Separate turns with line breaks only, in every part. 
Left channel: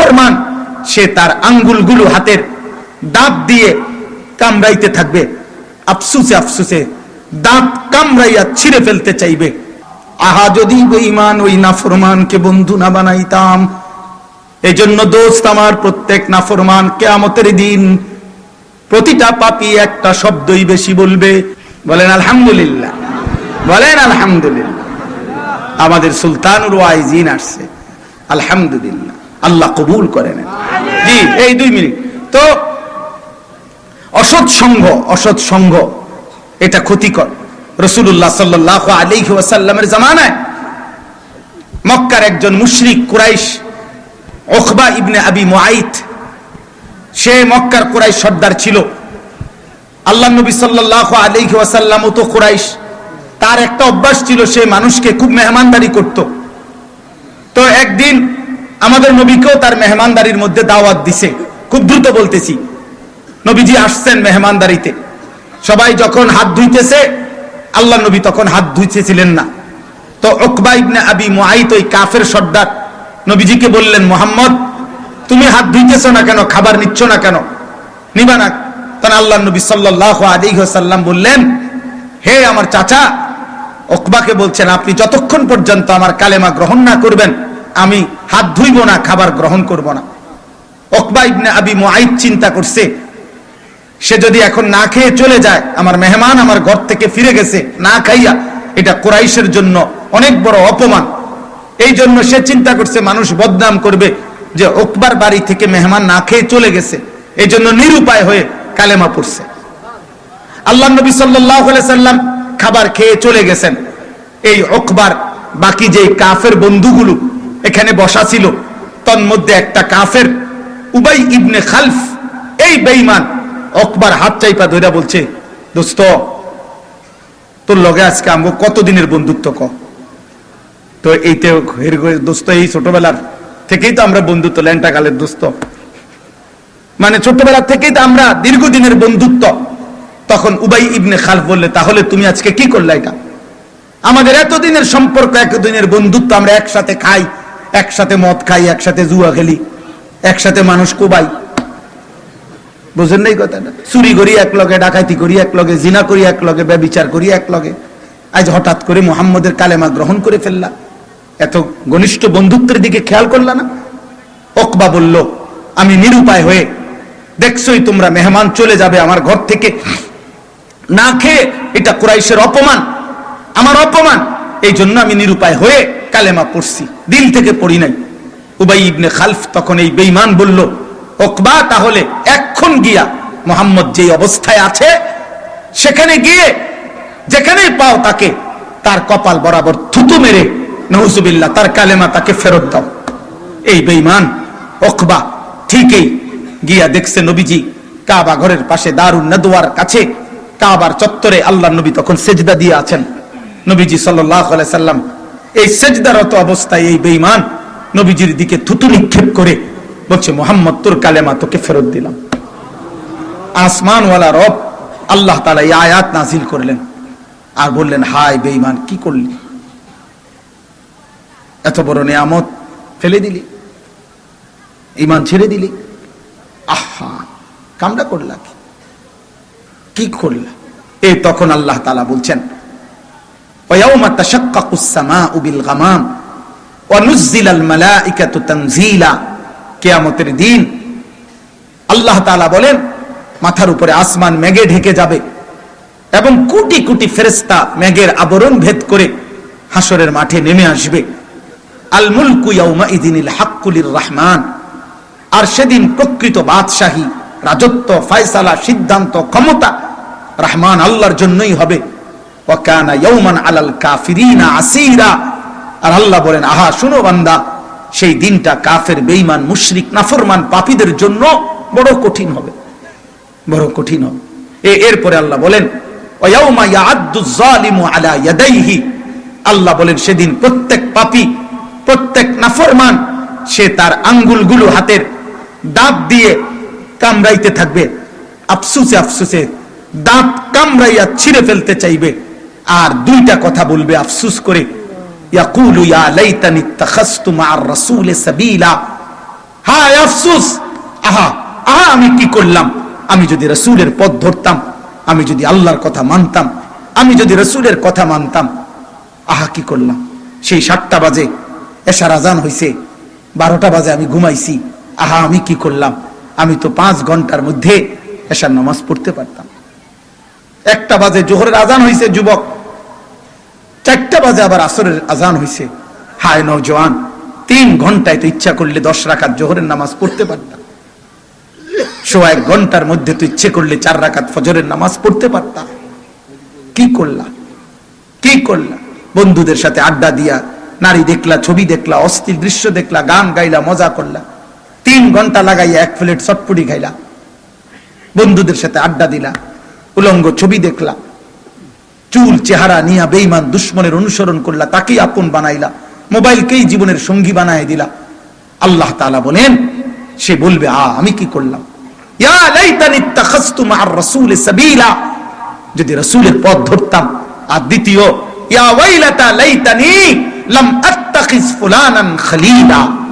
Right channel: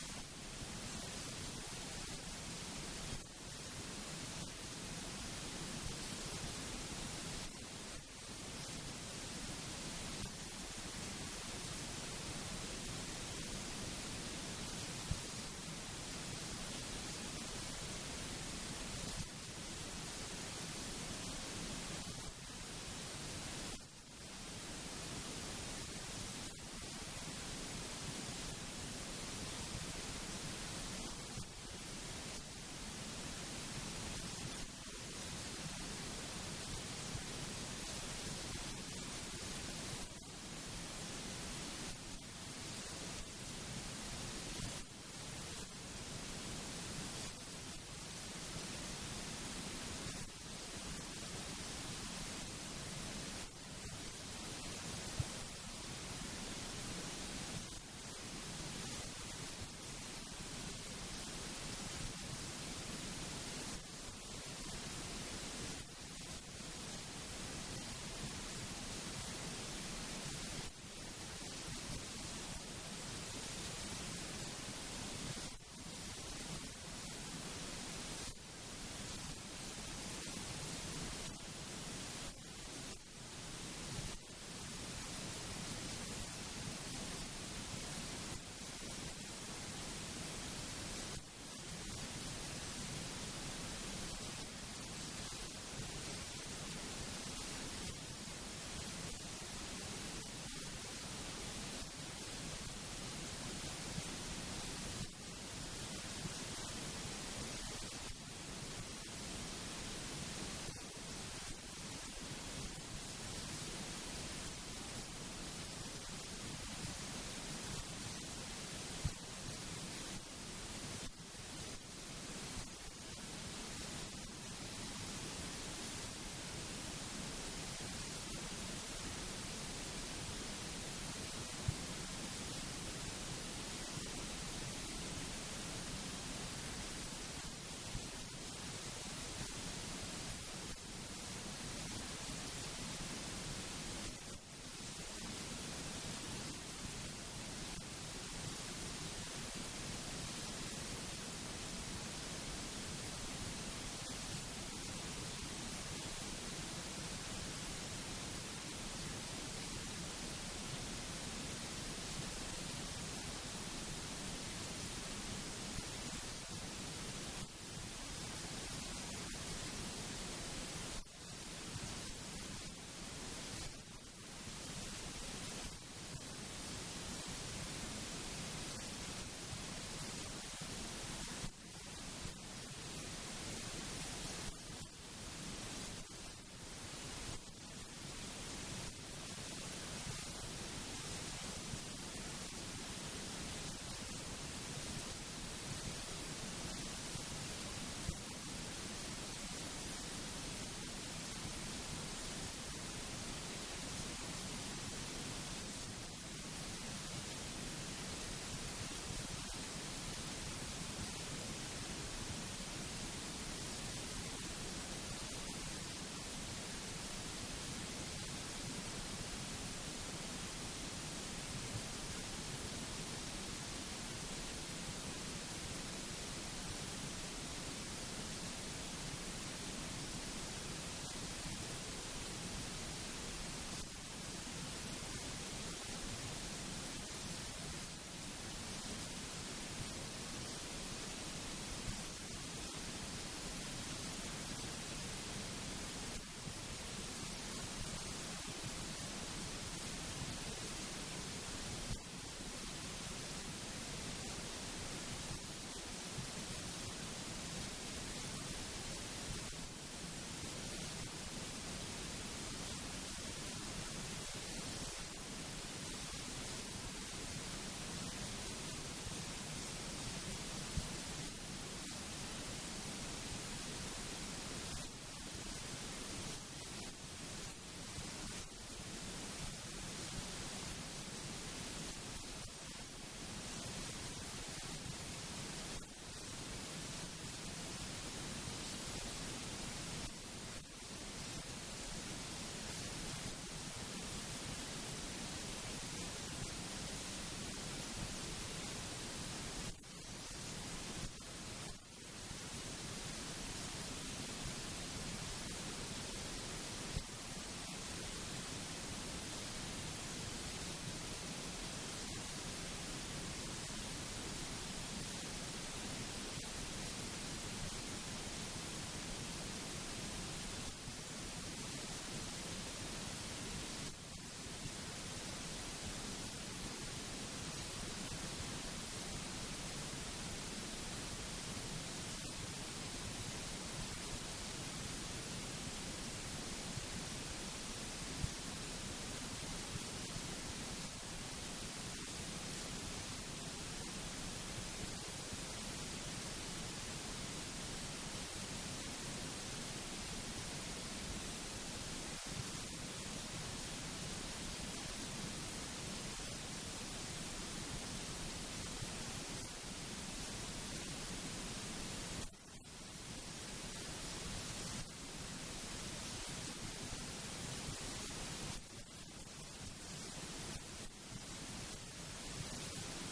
নাফরমান সে তার আঙ্গুলগুলো হাতের দাঁত দিয়ে কামড়াইতে থাকবে। আফসুসে আফসুসে দাঁত কামড়াইয়া ছিঁড়ে ফেলতে চাইবে। আহা, যদি বেঈমান ওই নাফরমানকে বন্ধু না বানাইতাম এই জন্য দোস্ত আমার প্রত্যেক নাফরমান কেয়ামতের দিন প্রতিটা পাপি একটা শব্দই বেশি বলবে। বলেন, আলহামদুলিল্লাহ। বলেন, আলহামদুলিল্লাহ। আমাদের সুলতানুর ওয়াইজিন আসছে। আলহামদুলিল্লাহ। আল্লাহ কবুল করে নেন। জি, এই দুই মিনিট। তো, অসৎ সঙ্গ অসৎ সঙ্গ, এটা ক্ষতিকর। রসুল্লাহ সাল্লাহ আলাইহি ওয়াসাল্লামের জামানায় মক্কার একজন মুশরিক কুরাইশ, ওখবা ইবনে আবি মুআইত, সে মক্কার কুরাইশ সর্দার ছিল। আল্লাহ নবী সাল্লাহ আলাইহি ওয়াসাল্লাম তো কুরাইশ। তার একটা অভ্যাস ছিল, সে মানুষকে খুব মেহমানদারি করত। তো একদিন আমাদের নবীকেও তার মেহমানদারির মধ্যে দাওয়াত দিছে। খুব দ্রুত বলতেছি। নবীজি আসছেন মেহমানদারিতে। সবাই যখন হাত ধুইতেছে, আল্লাহ নবী তখন হাত ধুইতেছিলেন না। তো ওকবা ইবনে আবি মুআইত, ওই কাফের সর্দার, নবীজিকে বললেন, মোহাম্মদ, তুমি হাত ধুইতেছ না কেন? খাবার নিচ্ছ না কেন? নিবা না। তখন আল্লাহ নবী সাল্লাহ আলিহাল্লাম বললেন, হে আমার চাচা ওকবাকে বলছেন, আপনি যতক্ষণ পর্যন্ত আমার কালেমা গ্রহণ না করবেন আমি হাত ধুইব না, খাবার গ্রহণ করব না। ওকবা ইবনে আবি মুআইদ চিন্তা করছে, সে যদি এখন না খেয়ে চলে যায়, আমার মেহমান আমার ঘর থেকে ফিরে গেছে, না খাইয়া, এটা কোরাইশের জন্য অনেক বড় অপমান। এই জন্য সে চিন্তা করছে, মানুষ বদনাম করবে যে ওকবার বাড়ি থেকে মেহমান না খেয়ে চলে গেছে। এই জন্য নিরুপায় হয়ে কালেমা পড়ছে। আল্লাহ নবী সাল্লাম খাবার খেয়ে চলে গেছেন। এই ওকবার বাকি যে কাফের বন্ধুগুলো এখানে বসা ছিল। তন্মধ্যে একটা কাফের, উবাই ইবনে খালফ। এই বেঈমান, অকবার হাত চাইপা ধইরা বলছে, দোস্ত, তোর লগে আজকে আমগো কতদিনের বন্ধুত্ব ক? তো এইতে দোস্ত, এই ছোটবেলার থেকেই তো আমরা বন্ধুত্ব ল্যাংটা কালের দোস্ত। মানে ছোটবেলা থেকেই তো আমরা দীর্ঘদিনের বন্ধুত্ব। তখন উবাই ইবনে খালফ বললে, তাহলে তুমি আজকে কি করলে এটা? আমাদের এতদিনের সম্পর্ক, এতদিনের বন্ধুত্ব, আমরা একসাথে খাই একসাথে মদ খাই, একসাথে জুয়া খেলি, একসাথে মানুষ কোবাই। বুঝেন নাই কথাটা? চুরি করি এক লগে ডাকাতি করি এক লগে জিনা করি এক লগে ব্যবিচার করি এক লগে আজ হঠাৎ করে মোহাম্মদের কালেমা গ্রহণ করে ফেললা। এত ঘনিষ্ঠ বন্ধুত্বের দিকে খেয়াল করলা না? অকবা বলল, আমি নিরুপায় হয়ে, দেখছই তোমরা মেহমান চলে যাবে আমার ঘর থেকে। না খেয়ে, এটা কুরাইশের অপমান, আমার অপমান। এই জন্য আমি নিরুপায় হয়ে কালেমা পড়ছি দিল থেকে পড়ি নাই। উবাই ইবনে খালফ তখন এই বেঈমান বলল, ওকবা তাহলে এক্ষণ গিয়া মোহাম্মদ যে অবস্থায় আছে, সেখানে গিয়ে যেখানেই পাও তাকে তার কপাল বরাবর থুতু মেরে নহুজুবিল্লাহ তার কালেমা তাকে ফেরত দাও। এই বেঈমান, ওকবা ঠিকই গিয়া দেখছে নবীজি কাবা ঘরের পাশে দারুণ নদুয়ার কাছে, কাবার চত্বরে আল্লাহ নবী তখন সেজদা দিয়ে আছেন। নবীজি সাল্লাহ সাল্লাম এই সেজদারত অবস্থায় এই বেঈমান নবীজির দিকে থুতু নিক্ষেপ করে বলছে, মোহাম্মদ, তোর কালেমা তোকে ফেরত দিলাম। আসমানওয়ালা রব আল্লাহ তালা এই আয়াত নাজিল করলেন আর বললেন হাই বেঈমান, কি করলি? এত বড় নিয়ামত ফেলে দিলি ইমান ছেড়ে দিলি। আহা কামটা করলা কি? কি করলা? এই তখন আল্লাহ তালা বলছেন ويوم تشقق السماء بالغمام ونزل الملائكة تنزيلا কেয়ামতের দিন আল্লাহ তাআলা বলেন মাথার উপরে আসমান মেঘে ঢেকে যাবে এবং কোটি কোটি ফেরেস্তা মেঘের আবরণ ভেদ করে হাসরের মাঠে নেমে আসবে আল মুলকু ইয়াউমা ইদিনিল হাক্কুলির রহমান আর সেদিন প্রকৃত বাদশাহী রাজত্ব ফয়সালা সিদ্ধান্ত ক্ষমতা রহমান আল্লাহর জন্যই হবে ওয়াকানা ইয়াউমান আলাল কাফিরিনা আসীরা। আর আল্লাহ বলেন, আহা, শুনো বান্দা, সেই দিনটা কাফের, বেঈমান, মুশরিক, নাফরমান পাপীদের জন্য বড় কঠিন হবে। বড় কঠিন এ, এরপরে আল্লাহ বলেন ওয়াউমা ইয়াআদ্দু যালিমু আলা ইয়াদাইহি। আল্লাহ বলেন, সেদিন প্রত্যেক পাপী, প্রত্যেক নাফরমান, সে তার আঙ্গুলগুলো হাতের দাঁত দিয়ে কামড়াইতে থাকবে। আফসুসে আফসুসে দাঁত কামড়াইয়া ছিঁড়ে ফেলতে চাইবে। আর দুইটা কথা বলবে আফসুস করে। ইয়াকুলু, ইয়া লাইতানি ইত্তাখাযতু মা'আর রাসূলি সাবিলা। হায় আফসুস! আহা আহা, আমি কি করলাম? আমি যদি রসুলের পথ ধরতাম, আমি যদি আল্লাহর কথা মানতাম, আমি যদি রসুলের কথা মানতাম, আহা, কি করলাম? সেই সাতটা বাজে এসার আজান হইছে, বারোটা বাজে আমি ঘুমাইছি, আহা, আমি কি করলাম? আমি তো পাঁচ ঘণ্টার মধ্যে এসার নামাজ পড়তে পারতাম। একটা বাজে জোহরের আজান হইছে, যুবক। চারটা বাজে আবার আসরের আজান হইছে। হায় নৌজওয়ান তিন ঘন্টায় তো ইচ্ছা করলে দশ রাখাত জোহরের নামাজ পড়তে পারতাম। সোয়া এক ঘণ্টার মধ্যে তো ইচ্ছে করলে চার রাকাত ফজরের নামাজ পড়তে পারতাম। কি করলা? কি করলা? বন্ধুদের সাথে আড্ডা দিয়া, নারী দেখলা, ছবি দেখলা, অস্থির দৃশ্য দেখলা, গান গাইলা, মজা করলা। তিন ঘণ্টা লাগাইয়া এক প্লেট চটপুরি খাইলা। বন্ধুদের সাথে আড্ডা দিলা, উলঙ্গ ছবি দেখলা চুল চেহারা নিয়া বেইমান দুশ্মনের অনুসরণ করলা, তাকেই আপন বানাইলা, মোবাইলকেই জীবনের সঙ্গী বানায় দিলা। আল্লাহ তাআলা বলেন, সে বলবে, আ, আমি কি করলাম? যদি রাসূলের পথ ধরতাম। আর দ্বিতীয়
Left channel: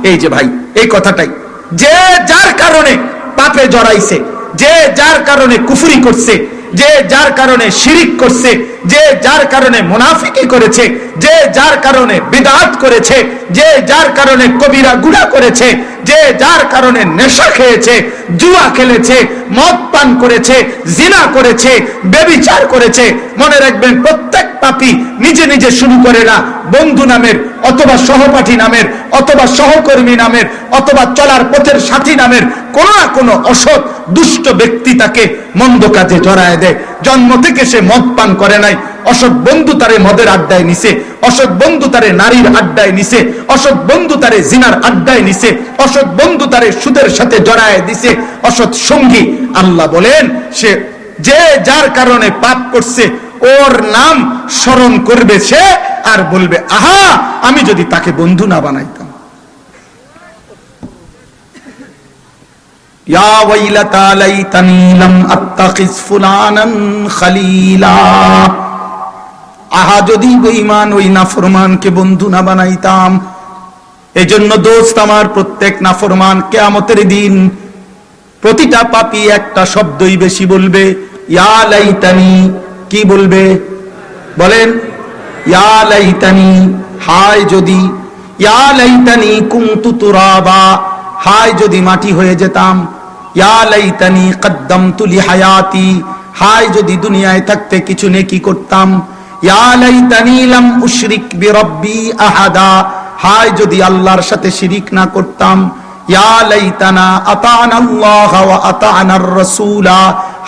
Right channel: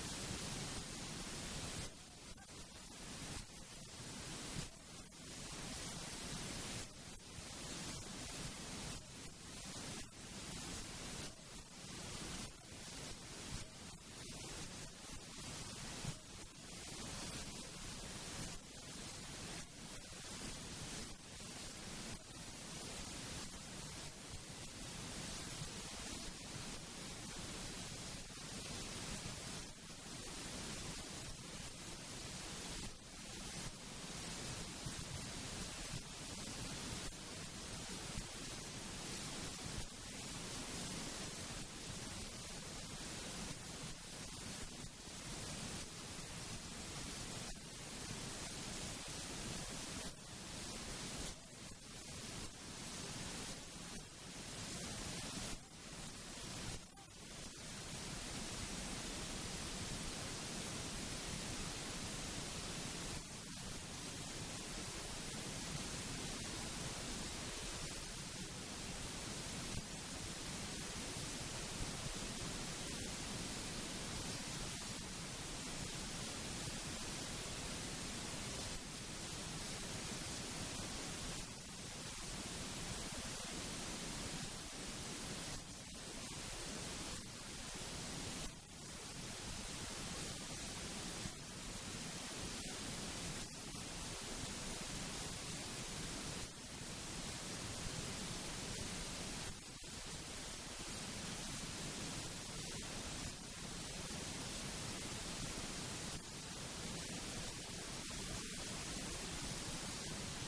এই যে ভাই, এই কথাটাই। যে যার কারণে পাপে জড়াইছে, যে যার কারণে কুফরি করছে, যে যার কারণে শিরিক করছে যে যার কারণে মুনাফিকি করেছে, যে যার কারণে বিদাত করেছে, যে যার কারণে কবিরা গুড়া করেছে, যে যার কারণে নেশা খেয়েছে, জুয়া খেলেছে, মদ পান করেছে, জিনা করেছে, বেবিচার করেছে। মনে রাখবেন, প্রত্যেক পাপী নিজে নিজে শুরু করে না, বন্ধু নামের অথবা সহপাঠী নামের, অথবা সহকর্মী নামের, অথবা চলার পথের সাথী নামের কোন না কোনো অসৎ, দুষ্ট ব্যক্তি তাকে মন্দ কাজে জড়ায় দেয়। জন্ম থেকে সে মদ পান করে নাই। অসৎ বন্ধু তারে মদের আড্ডায় নিছে। অসৎ বন্ধু তারে নারীর আড্ডায় নিছে। অসৎ বন্ধু তারে জিনার আড্ডায় নিছে। অসৎ বন্ধু তারে সুদের সাথে জড়ায় দিছে। অসৎ সঙ্গী, আল্লাহ বলেন, সে যে যার কারণে পাপ করছে, ওর নাম স্মরণ করবে সে আর বলবে, আহা, আমি যদি তাকে বন্ধু না বানাইতাম। ইয়া ওয়াইলাতা লাইতানি লাম আত্তাখিজ ফুলানান আহা, যদি বেঈমান ওই নাফরমানকে বন্ধু না বানাইতাম, এজন্য দোস্ত আমার প্রত্যেক নাফরমান কেয়ামতের দিন প্রতিটা পাপী একটা শব্দই বেশি বলবে, ইয়া লাইতানি। কি বলবে? বলেন, ইয়া লাইতানি। হায় যদি, ইয়া লাইতানি কুনতু তুরাবা। হায় যদি মাটি হয়ে যেতাম ইয়া লিহায়াতি, হায় যদি দুনিয়ায় থাকতে কিছু করতাম। বিরব্বি হায় যদি আল্লাহর সাথে শিরিক না করতাম। ইয়া লাইতানা আতানা আল্লাহ ওয়া আতানার রাসূলা,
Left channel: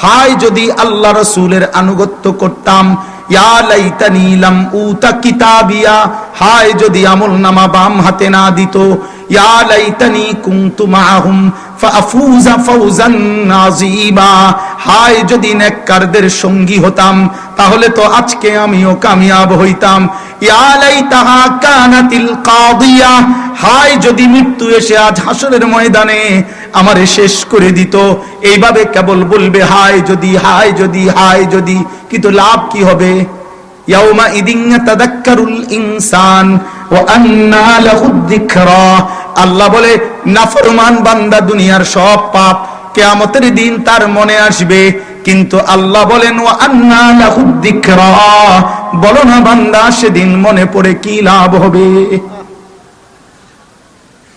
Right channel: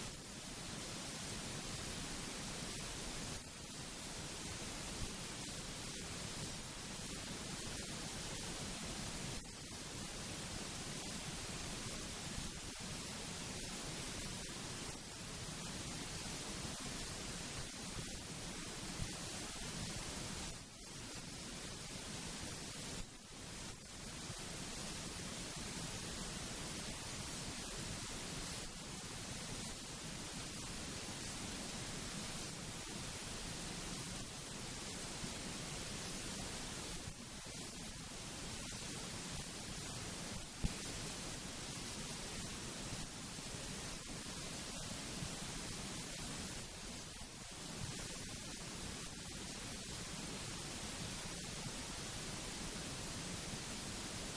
হায় যদি আল্লাহ রাসূলের আনুগত্য করতাম। হায় যদি আমল নামা বাম হাতে না দিত। ইয়া লাইতানি কুনতু মাআহুম ফাফুজা নাযীবা হায়, যদি নেককারদের সঙ্গী হতাম, তাহলে তো আজকে আমিও কামিয়াব হইতাম। ইয়া লাইতাহা কানাতিল কাদিয়া হায়, যদি মৃত্যু এসে আজ হাসরের ময়দানে আমারে শেষ করে দিত। এইভাবে কেবল বলবে, হায়, যদি হায় যদি হায়, যদি কিন্তু লাভ, কি হবে? ইয়াউমা ইদিন তাদাক্কারুল ইনসান আল্লাহ বলে, নাফরমান বান্দা দুনিয়ার সব পাপ কেয়ামতের দিন তার মনে আসবে। কিন্তু আল্লাহ বলেন ও আন্না লাহুদ যিকরা। বলো না বান্দা, সেদিন মনে পড়ে কি লাভ হবে?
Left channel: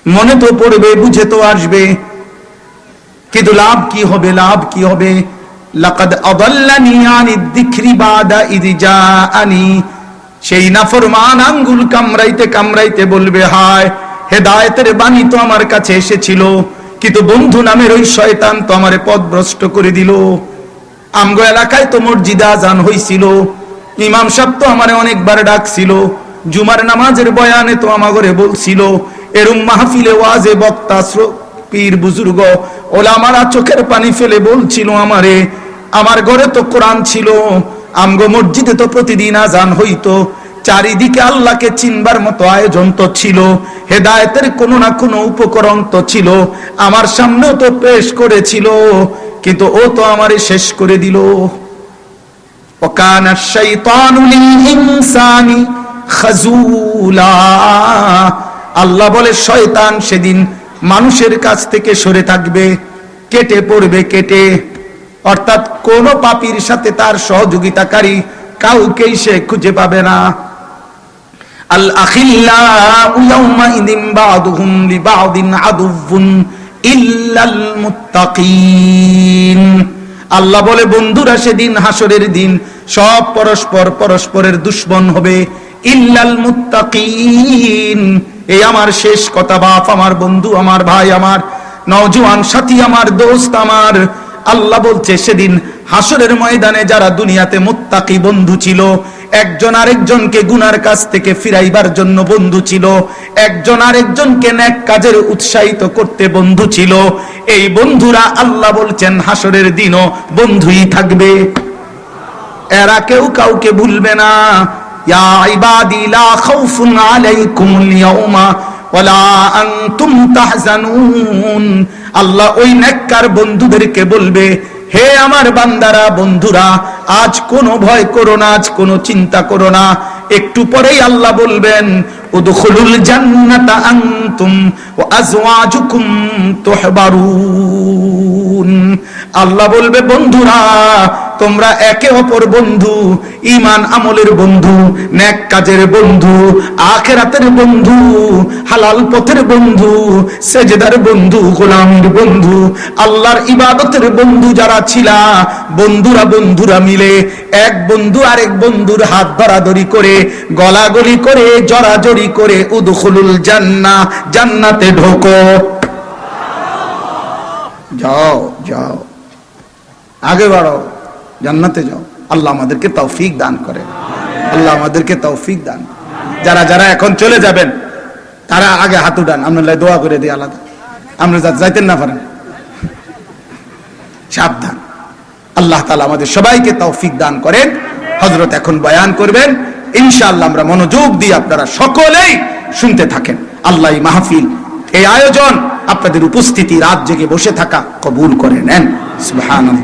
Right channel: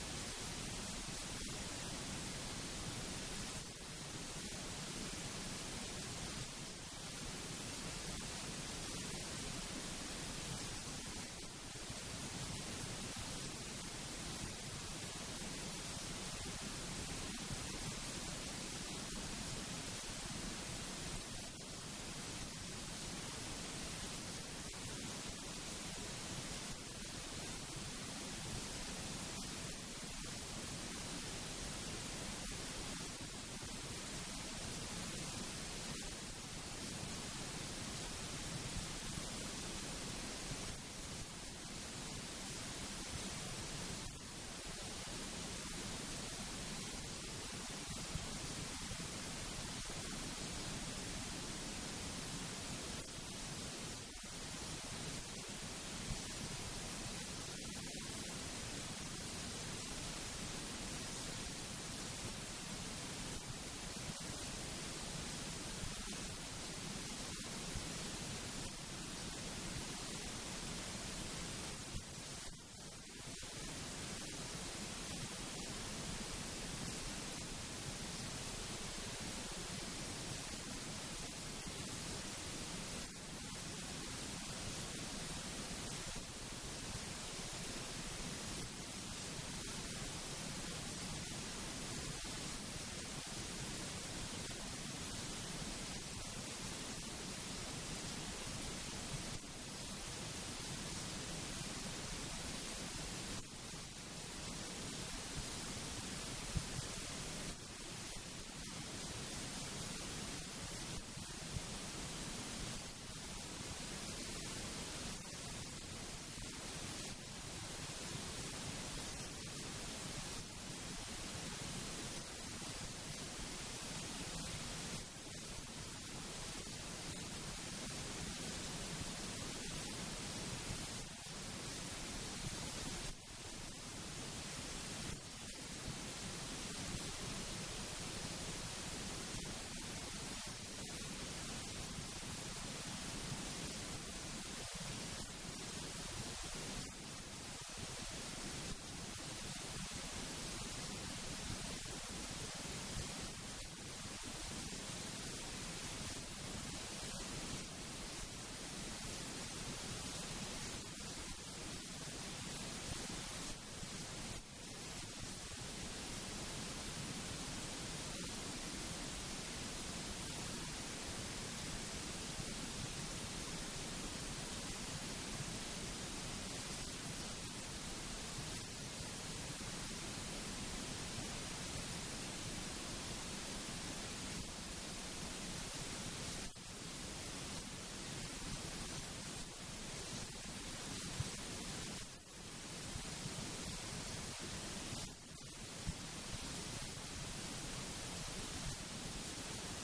মনে তো পড়বে, বুঝে তো আসবে। কিন্তু লাভ কি হবে, লাভ কি হবে? লাকাদ আদাল্লানি আনি যিকরি বাদা ইদ জাআনি। সেই নাফরমান আঙ্গুল কামড়াইতে কামড়াইতে বলবে, হায়, হেদায়েতের বাণী তো আমার কাছে এসেছিল, কিন্তু বন্ধু নামের ওই শয়তান তো আমারে পথভ্রষ্ট করে দিল। আমগো এলাকায় তো মসজিদে আজান হইছিল, ইমাম সাহেব তো আমারে অনেকবার ডাকছিল, জুমার নামাজের বয়ানে তো আমাগরে বলছিল এরম মাহফিলে ওয়াজে বক্তা পীর, বুজুর্গ ওলা ওলামারা চোখের পানি ফেলে বলছিল আমারে, আমার ঘরে তো কোরআন ছিল আমগো মসজিদে তো প্রতিদিন আজান হইতো চারিদিকে আল্লাহকে চিনবার মতো আয়োজন তো ছিল হেদায়েতের কোনো না কোনো উপকরণ তো ছিল আমার সামনেও তো পেশ করেছিল কিন্তু ও তো আমারে শেষ করে দিল وكان الشيطان للإنسان خذولا আল্লাহ বলে শয়তান সেদিন মানুষের কাছ থেকে সরে থাকবে কেটে পড়বে কেটে অর্থাৎ কোন পাপীর সাথে তার সহযোগিতাকারী কাউকেই সে খুঁজে পাবে না। আল আখিল্লাউ ইয়াউমাইদিন বা'দুহুম লিবা'দিন আদুউন ইল্লাল মুত্তাকিন। আল্লাহ বলে, বন্ধুরা, সেদিন হাসরের দিন সব পরস্পর পরস্পরের দুশ্মন হবে। ইল্লাল মুত্তাকিন। এই আমার শেষ কথা, বাপ, আমার বন্ধু, আমার ভাই, আমার নওজোয়ান সাথী, আমার দোস্ত, আমার আল্লাহ বলছে, সেদিন হাসরের ময়দানে যারা দুনিয়াতে মুত্তাকি বন্ধু ছিল, একজন আরেকজনকে গুনার কাছ থেকে ফিরাইবার জন্য বন্ধু ছিল, একজন আরেকজনকে ন্যাক কাজের উৎসাহিত করতে বন্ধু ছিল। এই বন্ধুরা আল্লাহ বলছেন, হাসরের দিনও বন্ধুই থাকবে। এরা কেউ কাউকে ভুলবে না। ইয়া ইবাদি, লা তাহজানুন। আল্লাহ ওই নেককার বন্ধুদেরকে বলবে, হে আমার বান্দারা, বন্ধুরা, আজ কোনো ভয় করো না, আজ কোনো চিন্তা করো না। একটু পরেই আল্লাহ বলবেন আল্লাহ বলবে, বন্ধুরা তোমরা একে অপর বন্ধু ইমান আমলের বন্ধু ন্যাক কাজের বন্ধু, আখেরাতের বন্ধু, হালাল পথের বন্ধু, সেজদার বন্ধু, গোলামের বন্ধু, আল্লাহর ইবাদতের বন্ধু যারা ছিলা, বন্ধুরা বন্ধুরা মিলে এক বন্ধু আরেক বন্ধুর হাত ধরাধরি করে, গলাগলি করে, জড়াজড়ি করে, উদখুলুল জান্না জান্নাতে ঢোকো। যাও যাও। আগে বাড়ো জান্নাতে যাও। আল্লাহ আমাদেরকে তৌফিক দান করে আল্লাহ আমাদেরকে তৌফিক দান। যারা যারা এখন চলে যাবেন, তারা আগে হাত উঠান। আমরা দোয়া করে দিই আলাদা আমরা যাইতেন না পারেন। সাবধান। আল্লাহ তালা আমাদের সবাইকে তৌফিক দান করেন। হজরত এখন বয়ান করবেন। ইনশাআল্লাহ আমরা মনোযোগ দিয়ে আপনারা সকলেই শুনতে থাকেন। আল্লাহ মাহফিল, এই আয়োজন আপনাদের উপস্থিতি রাত জেগে বসে থাকা কবুল করে নেন। সুবহানাল্লাহ।